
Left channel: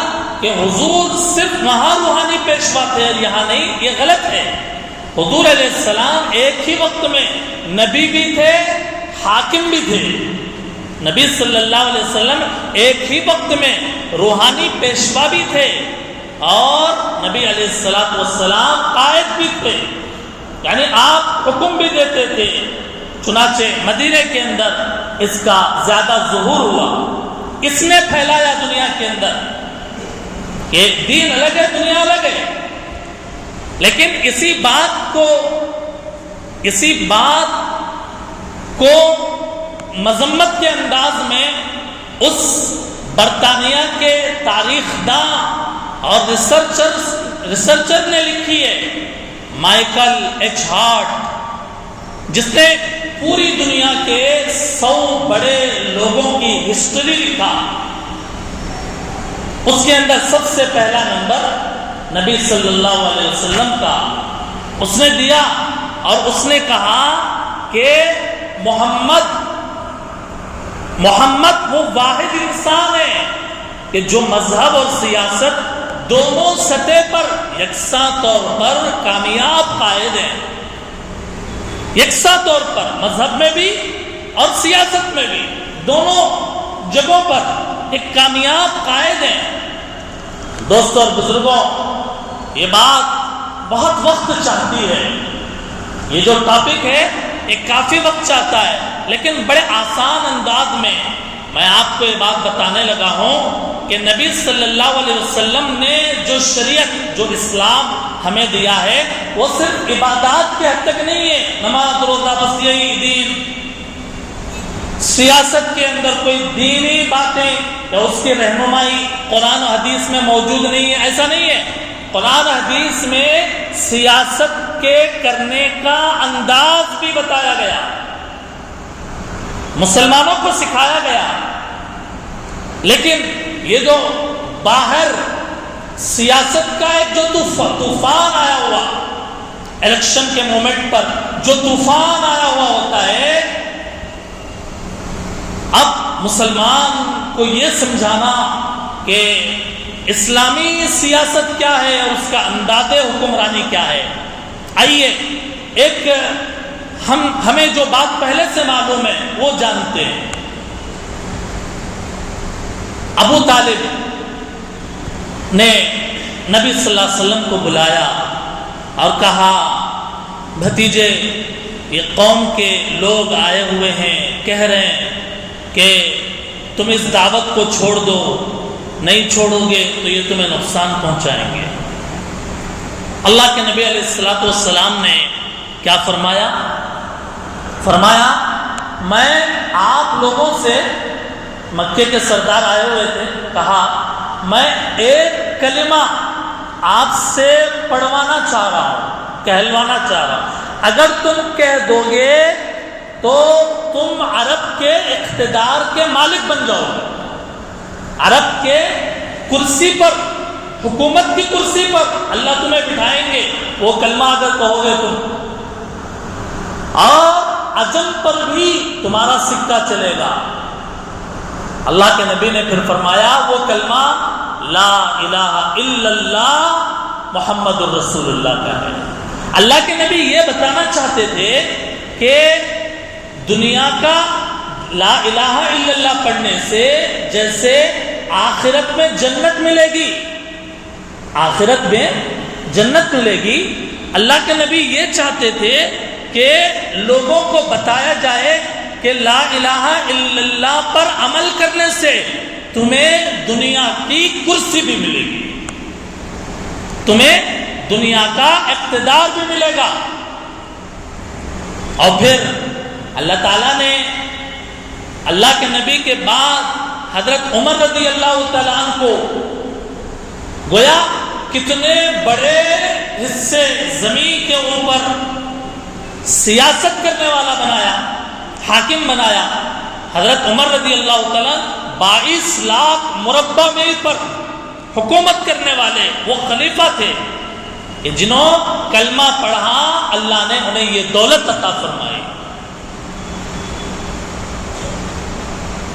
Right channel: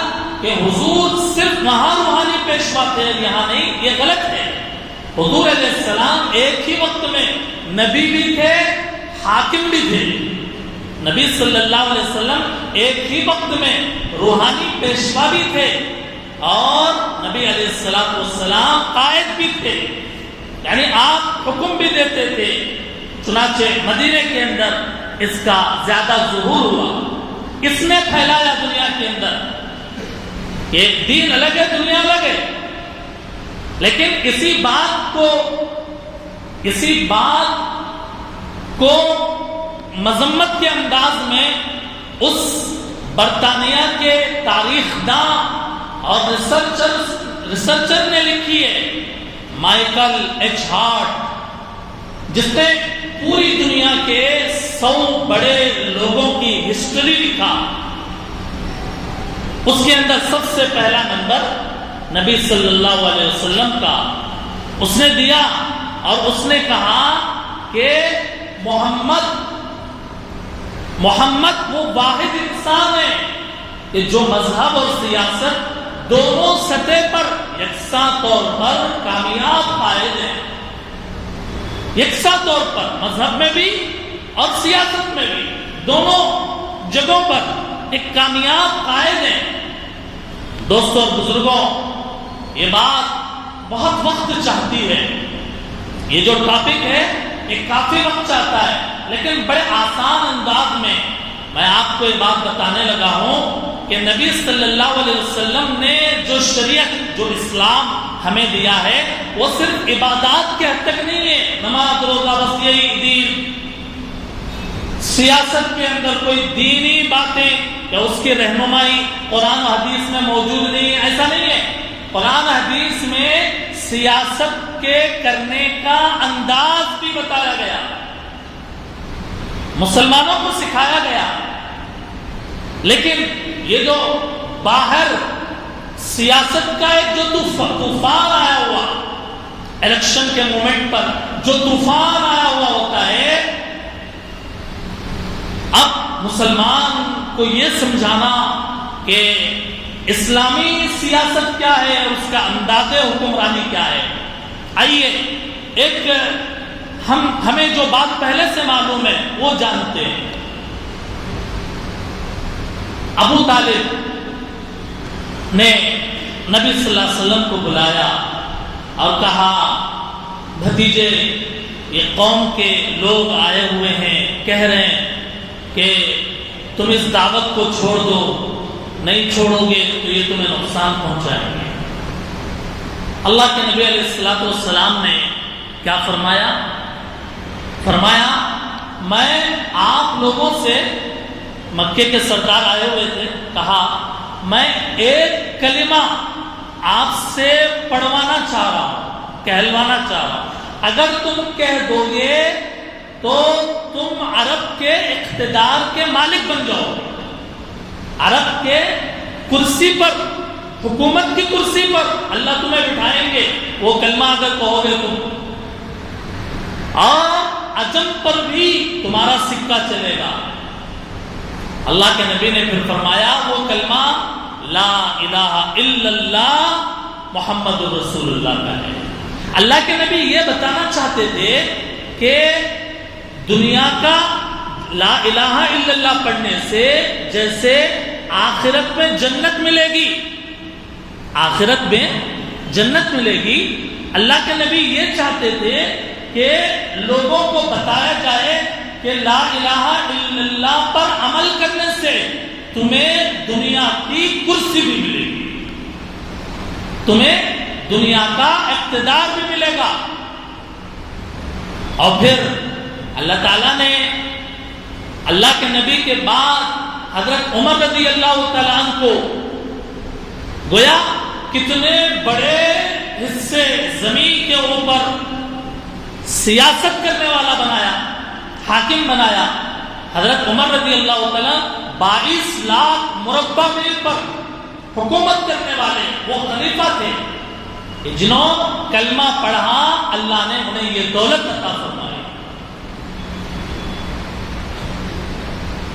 کہ حضور صرف وہاں روحانی پیشوا تھے اور یہاں نہیں، یہ غلط ہے۔ حضور علیہ السلام ایک ہی وقت میں نبی بھی تھے، حاکم بھی تھے۔ نبی صلی اللہ علیہ وسلم ایک ہی وقت میں روحانی پیشوا بھی تھے اور نبی علیہ السلام قائد بھی تھے، یعنی آپ حکم بھی دیتے تھے۔ چنانچہ مدینے کے اندر اس کا زیادہ ظہور ہوا، اس نے پھیلایا دنیا کے اندر کہ دین الگ ہے، دنیا الگ ہے، لیکن اسی بات کو مذمت کے انداز میں اس برطانیہ کے تاریخ داں اور ریسرچر نے لکھی ہے، مائیکل ایچ ہارٹ، جس نے پوری دنیا کے 100 بڑے لوگوں کی ہسٹری لکھا۔ اس کے اندر سب سے پہلا نمبر نبی صلی اللہ علیہ وسلم کا اس نے دیا، اور اس نے کہا کہ محمد وہ واحد انسان ہے کہ جو مذہب اور سیاست دونوں سطح پر یکساں طور پر کامیاب قائد ہیں، یکساں طور پر مذہب میں بھی اور سیاست میں بھی، دونوں جگہوں پر ایک کامیاب قائد ہیں۔ دوستوں اور بزرگوں، یہ بات بہت وقت چاہتی ہے، یہ جو ٹاپک ہے یہ کافی وقت چاہتا ہے، لیکن بڑے آسان انداز میں میں آپ کو یہ بات بتانے لگا ہوں کہ نبی صلی اللہ علیہ وسلم نے جو شریعت، جو اسلام ہمیں دیا ہے، وہ صرف عبادات کے حد تک نہیں ہے، نماز روزہ بس یہی دین، سیاست کے اندر کوئی دینی باتیں یا اس کی رہنمائی قرآن و حدیث میں موجود نہیں ہے، ایسا نہیں ہے۔ قرآن حدیث میں سیاست کے کرنے کا انداز بھی بتایا گیا، مسلمانوں کو سکھایا گیا، لیکن یہ جو باہر سیاست کا ایک جو طوفان آیا ہوا، الیکشن کے مومنٹ پر جو طوفان آیا ہوا ہوتا ہے، اب مسلمان کو یہ سمجھانا کہ اسلامی سیاست کیا ہے اور اس کا انداز حکمرانی کیا ہے۔ آئیے ایک ہمیں جو بات پہلے سے معلوم ہے وہ جانتے ہیں۔ ابو طالب نے نبی صلی اللہ علیہ وسلم کو بلایا اور کہا، بھتیجے یہ قوم کے لوگ آئے ہوئے ہیں، کہہ رہے ہیں کہ تم اس دعوت کو چھوڑ دو، نہیں چھوڑو گے تو یہ تمہیں نقصان پہنچائیں گے۔ اللہ کے نبی علیہ السلام نے کیا فرمایا؟ میں آپ لوگوں سے، مکے کے سردار آئے ہوئے تھے، کہا میں ایک کلمہ آپ سے پڑھوانا چاہ رہا ہوں، کہلوانا چاہ رہا ہوں، اگر تم کہہ دو گے تو تم عرب کے اقتدار کے مالک بن جاؤ گے، عرب کے کرسی پر، حکومت کی کرسی پر اللہ تمہیں بٹھائیں گے، وہ کلمہ اگر کہو گے تم، اور عجم پر بھی تمہارا سکہ چلے گا۔ اللہ کے نبی نے پھر فرمایا وہ کلمہ لا الہ الا اللہ محمد الرسول اللہ کا ہے۔ اللہ کے نبی یہ بتانا چاہتے تھے کہ دنیا کا لا الہ الا اللہ پڑھنے سے جیسے آخرت میں جنت ملے گی، آخرت میں جنت ملے گی، اللہ کے نبی یہ چاہتے تھے کہ لوگوں کو بتایا جائے کہ لا الہ الا اللہ پر عمل کرنے سے تمہیں دنیا کی کرسی بھی ملے گی، تمہیں دنیا کا اقتدار بھی ملے گا۔ اور پھر اللہ تعالیٰ نے اللہ کے نبی کے بعد حضرت عمر رضی اللہ تعالیٰ عنہ کو گویا کتنے بڑے حصے زمین کے اوپر سیاست کرنے والا بنایا، حاکم بنایا۔ حضرت عمر رضی اللہ تعالیٰ 22 لاکھ مربع میل پر حکومت کرنے والے وہ خلیفہ تھے کہ جنہوں کلمہ پڑھا اللہ نے انہیں یہ دولت عطا فرمائی۔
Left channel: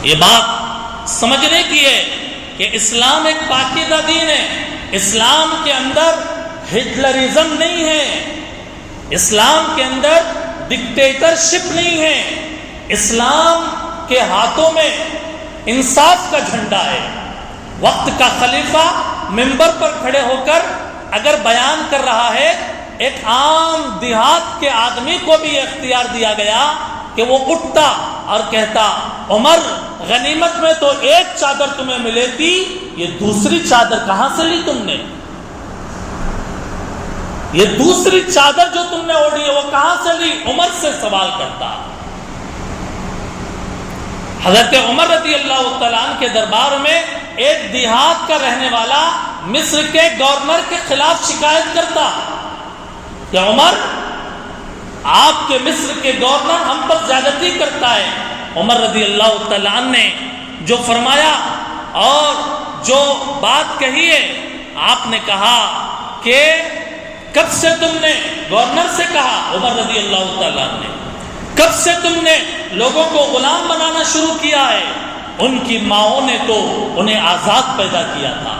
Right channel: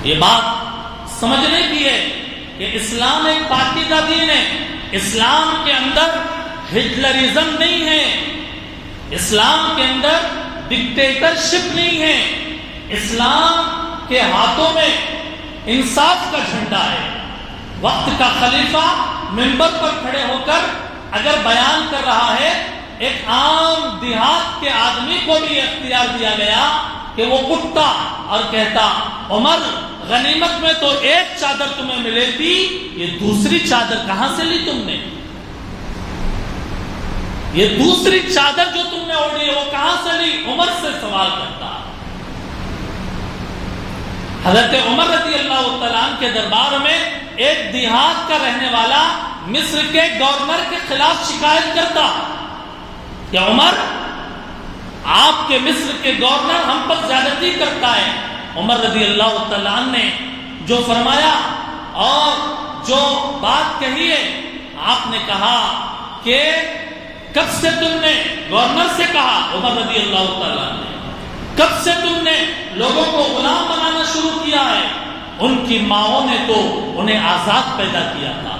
یہ بات سمجھنے کی ہے کہ اسلام ایک پاکیزہ دین ہے، اسلام کے اندر ہٹلرزم نہیں ہے، اسلام کے اندر ڈکٹیٹرشپ نہیں ہے، اسلام کے ہاتھوں میں انصاف کا جھنڈا ہے۔ وقت کا خلیفہ منبر پر کھڑے ہو کر اگر بیان کر رہا ہے، ایک عام دیہات کے آدمی کو بھی اختیار دیا گیا کہ وہ اٹھتا اور کہتا عمر غنیمت میں تو ایک چادر تمہیں ملے تھی، یہ دوسری چادر کہاں سے لی تم نے؟ یہ دوسری چادر جو تم نے اوڑھی ہے وہ کہاں سے لی؟ عمر سے سوال کرتا۔ حضرت عمر رضی اللہ تعالیٰ عنہ کے دربار میں ایک دیہات کا رہنے والا مصر کے گورنر کے خلاف شکایت کرتا کہ عمر آپ کے مصر کے گورنر ہم پر زیادتی کرتا ہے۔ عمر رضی اللہ تعالیٰ عنہ نے جو فرمایا اور جو بات کہی ہے، آپ نے کہا کہ کب سے تم نے، گورنر سے کہا عمر رضی اللہ تعالیٰ عنہ نے، کب سے تم نے لوگوں کو غلام بنانا شروع کیا ہے؟ ان کی ماؤں نے تو انہیں آزاد پیدا کیا تھا۔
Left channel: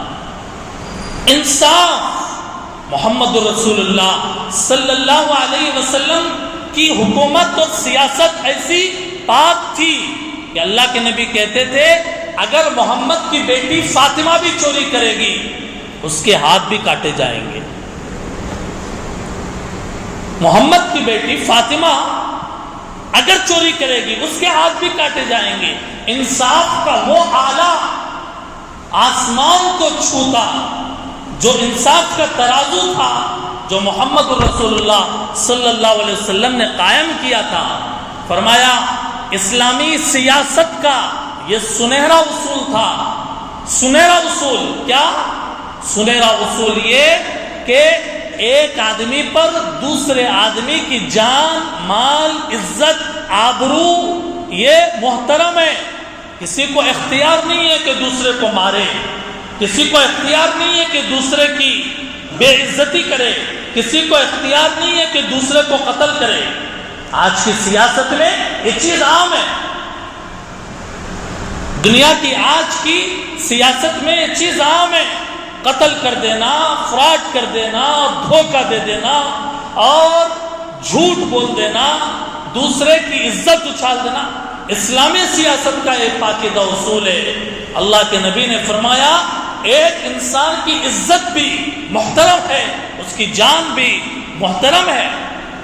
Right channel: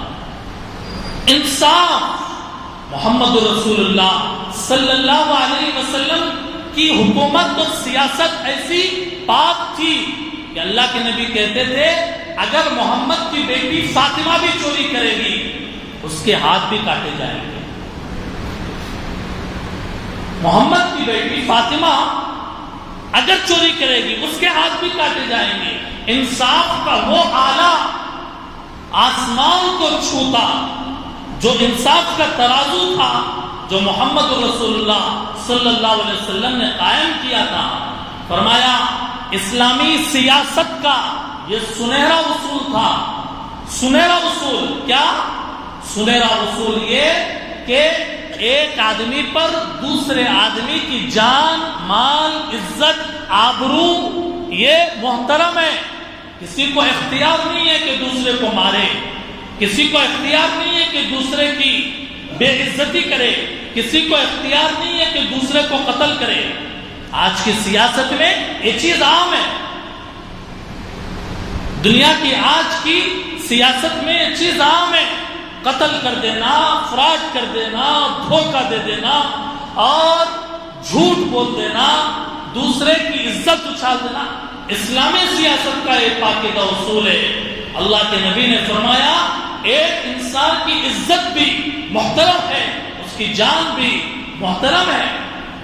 انصاف، محمد رسول اللہ صلی اللہ علیہ وسلم کی حکومت اور سیاست ایسی پاک تھی کہ اللہ کے نبی کہتے تھے اگر محمد کی بیٹی فاطمہ بھی چوری کرے گی اس کے ہاتھ بھی کاٹے جائیں گے۔ محمد کی بیٹی فاطمہ اگر چوری کرے گی اس کے ہاتھ بھی کاٹے جائیں گے۔ انصاف کا وہ آلہ آسمان کو چھوتا، جو انصاف کا ترازو تھا، جو محمد رسول اللہ صلی اللہ علیہ وسلم نے قائم کیا تھا۔ فرمایا اسلامی سیاست کا یہ سنہرا اصول تھا۔ سنہرا اصول کیا؟ سنہرا اصول یہ کہ ایک آدمی پر دوسرے آدمی کی جان، مال، عزت، آبرو یہ محترم ہے۔ کسی کو اختیار نہیں ہے کہ دوسرے کو مارے، کسی کو اختیار نہیں ہے کہ دوسرے کی بے عزتی کرے، کسی کو اختیار نہیں ہے کہ دوسرے کو قتل کرے۔ آج کی سیاست میں یہ چیز عام ہے، دنیا کی آج کی سیاست میں یہ چیز عام ہے۔ قتل کر دینا، فراڈ کر دینا، دھوکہ دے دینا اور جھوٹ بول دینا، دوسرے کی عزت اچھال دینا اسلامی سیاست کا ایک پاکیزہ اصول ہے۔ اللہ کے نبی نے فرمایا ایک انسان کی عزت بھی محترم ہے، اس کی جان بھی محترم ہے۔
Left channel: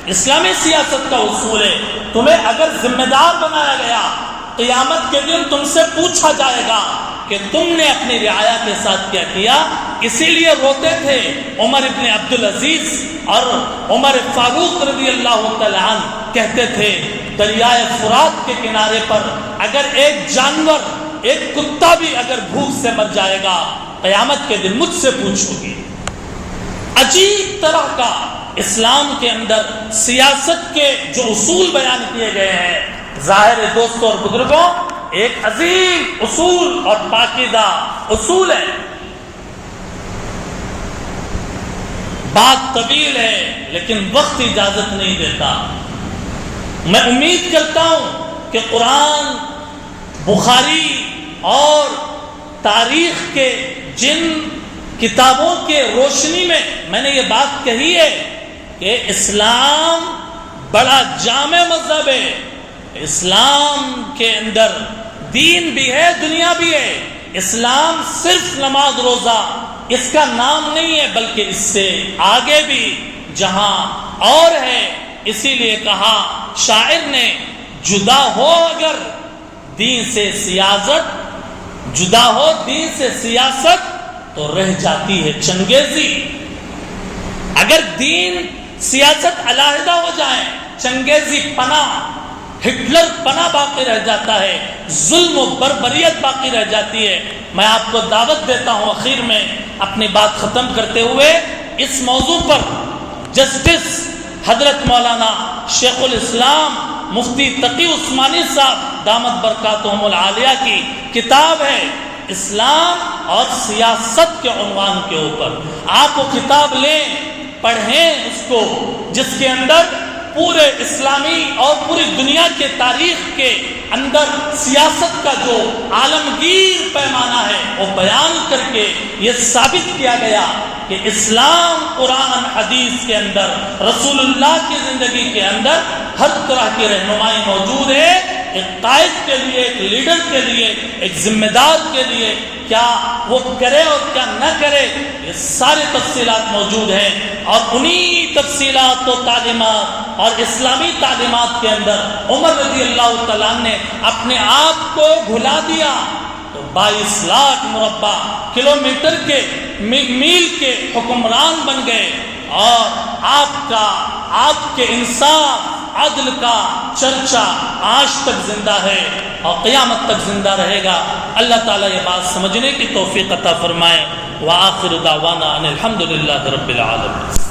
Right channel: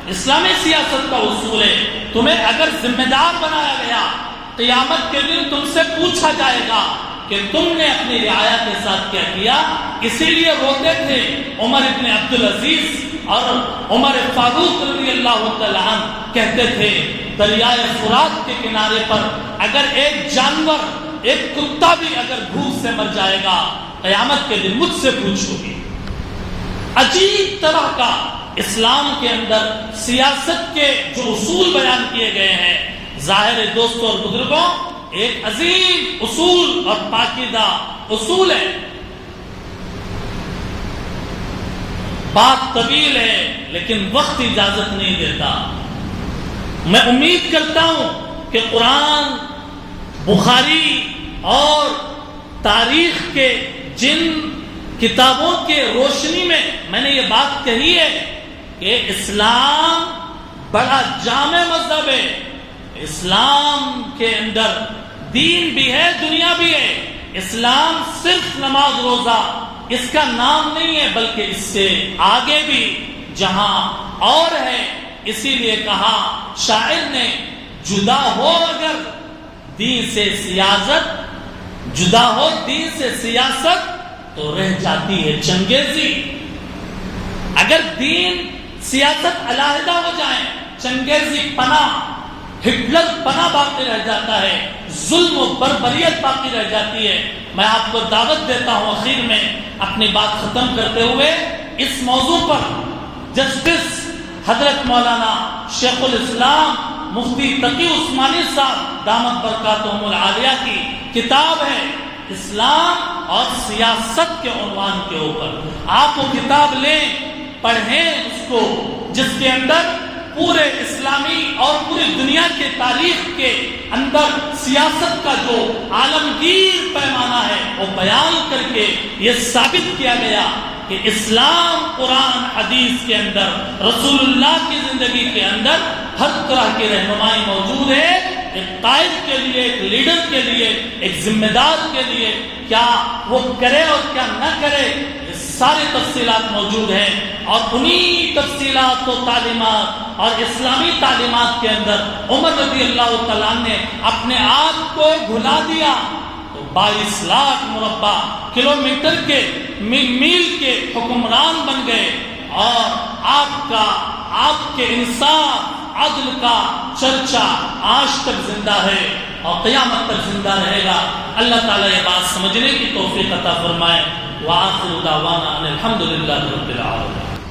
اسلامی سیاست کا اصول ہے تمہیں اگر ذمہ دار بنایا گیا، قیامت کے دن تم سے پوچھا جائے گا کہ تم نے اپنی رعایا کے ساتھ کیا کیا۔ اسی لیے روتے تھے عمر ابن عبدالعزیز اور عمر فاروق رضی اللہ تعالیٰ عنہ، کہتے تھے دریائے فرات کے کنارے پر اگر ایک جانور، ایک کتا بھی اگر بھوک سے مر جائے گا قیامت کے دن مجھ سے پوچھو گے۔ عجیب طرح کا اسلام کے اندر سیاست کے جو اصول بیان کیے گئے ہیں، ظاہر دوستوں اور بزرگوں ایک عظیم اصول اور پاکیزہ اصول ہے۔ بات طویل ہے لیکن وقت اجازت نہیں دیتا۔ میں امید کرتا ہوں کہ قرآن، بخاری اور تاریخ کے جن کتابوں کے روشنی میں نے یہ بات کہی ہے کہ اسلام بڑا جامع مذہب ہے. اسلام کے اندر دین بھی ہے، دنیا بھی ہے. اسلام صرف نماز روزہ اس کا نام نہیں ہے، بلکہ اس سے آگے بھی جہاں اور ہے. اسی لیے کہا شاعر نے، جدا ہو اگر دین سے سیاست، جدا ہو دین سے سیاست تو رہ جاتی ہے چنگیزی. اگر دین سیاست علیحدہ ہو جائیں، چنگیزی پناہ، ہٹلر پناہ باقی رہ جاتا ہے، ظلم و بربریت باقی رہ جاتی ہے. میں آپ کو دعوت دیتا ہوں اخیر میں اپنی بات ختم کرتے ہوئے اس موضوع پر جسٹس حضرت مولانا شیخ الاسلام مفتی تقی عثمانی صاحب دامت برکاتہم العالیہ کی کتاب ہے اسلام اور سیاست کے عنوان کے اوپر. آپ وہ کتاب لیں، پڑھیں اس کو، جس کے اندر پورے اسلامی اور پوری دنیا کے تاریخ کے اندر سیاست کا جو عالمگیر پیمانہ ہے وہ بیان کر کے یہ ثابت کیا گیا کہ اسلام قرآن حدیث کے اندر، رسول اللہ کی زندگی کے اندر ہر طرح کی رہنمائی موجود ہے. ایک قائد کے لیے، ایک لیڈر کے لیے، ایک ذمہ دار کے لیے کیا وہ کرے اور کیا نہ کرے، یہ ساری تفصیلات موجود ہیں. اور انہی تفصیلات و تعلیمات اور اسلامی تعلیمات کے اندر عمر رضی اللہ تعالیٰ نے اپنے آپ کو بھلا دیا تو 22 لاکھ مربع کلومیٹر کے میل کے حکمران بن گئے. اور آپ کے انصاف، عدل کا چرچا آج تک زندہ ہے اور قیامت تک زندہ رہے گا. اللہ تعالیٰ یہ بات سمجھنے کی توفیق عطا فرمائے. وآخر دعوانا ان الحمد للہ رب العالمین.